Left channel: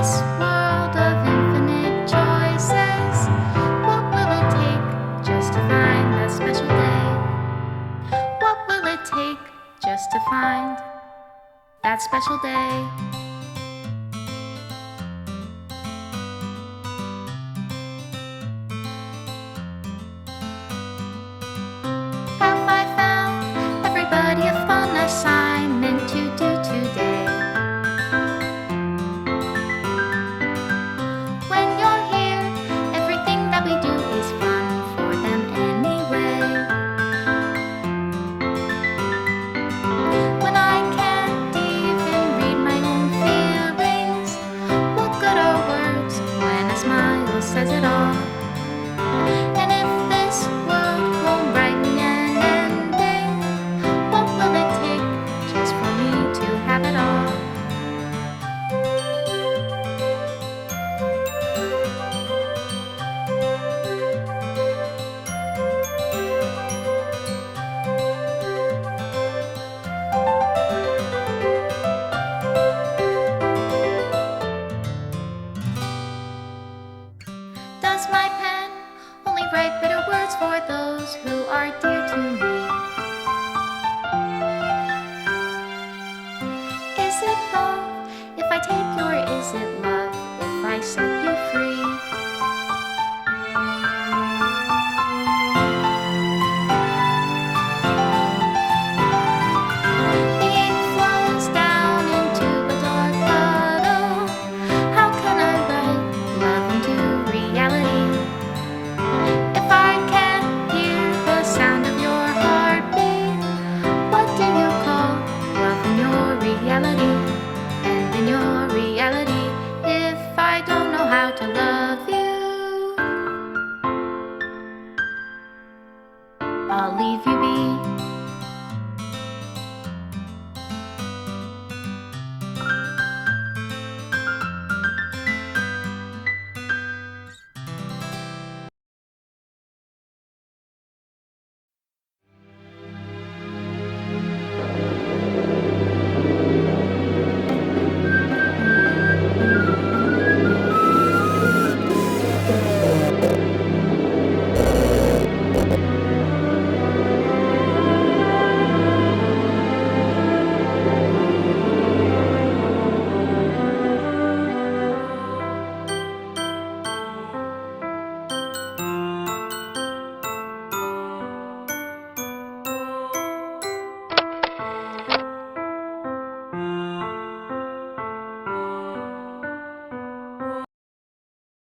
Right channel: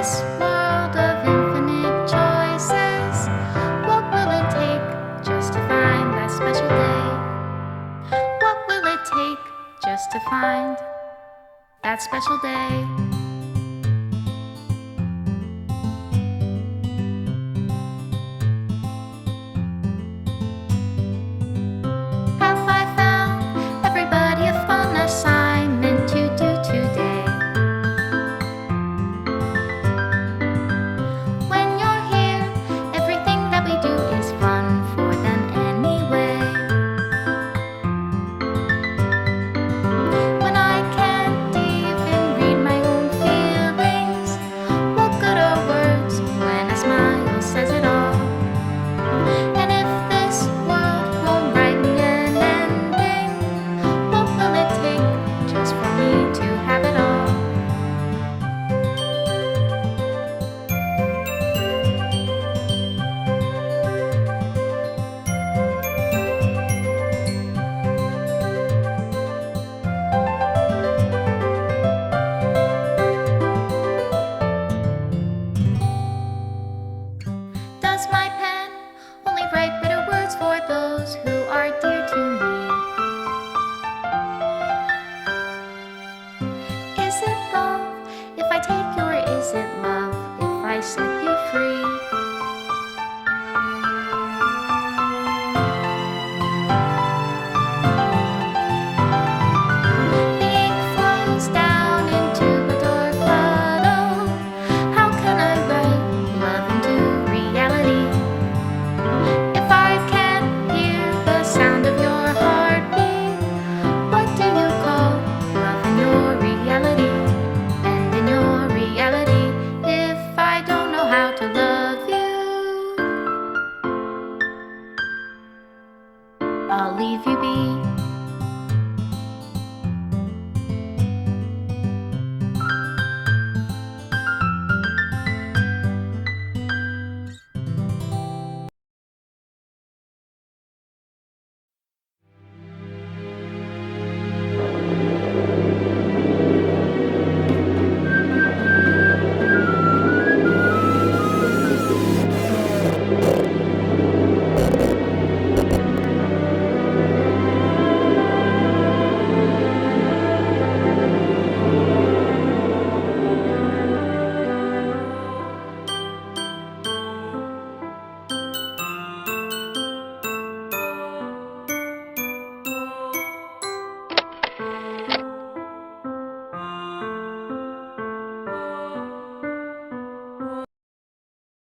this world of infinite choices, what will it take just to find that special day? What will it take just to find that special day? Have I found everybody a fun assignment to do today? When you're here, everything that we do is fun for them anyway. When I can't even read my own feelings, what good are words when a smile says it all? And if this world won't write me an ending, what will it take just for me to have it all? Does my pen only write bitter words for those who are dear to me? Is it love if I take you, or is it love if I set you free? The ink flows down into a dark puddle. How can I write love into reality? If I can't hear the sound of your heartbeat, what do you call love in your reality? And in your reality, if I don't know how to love you, I'll leave you be.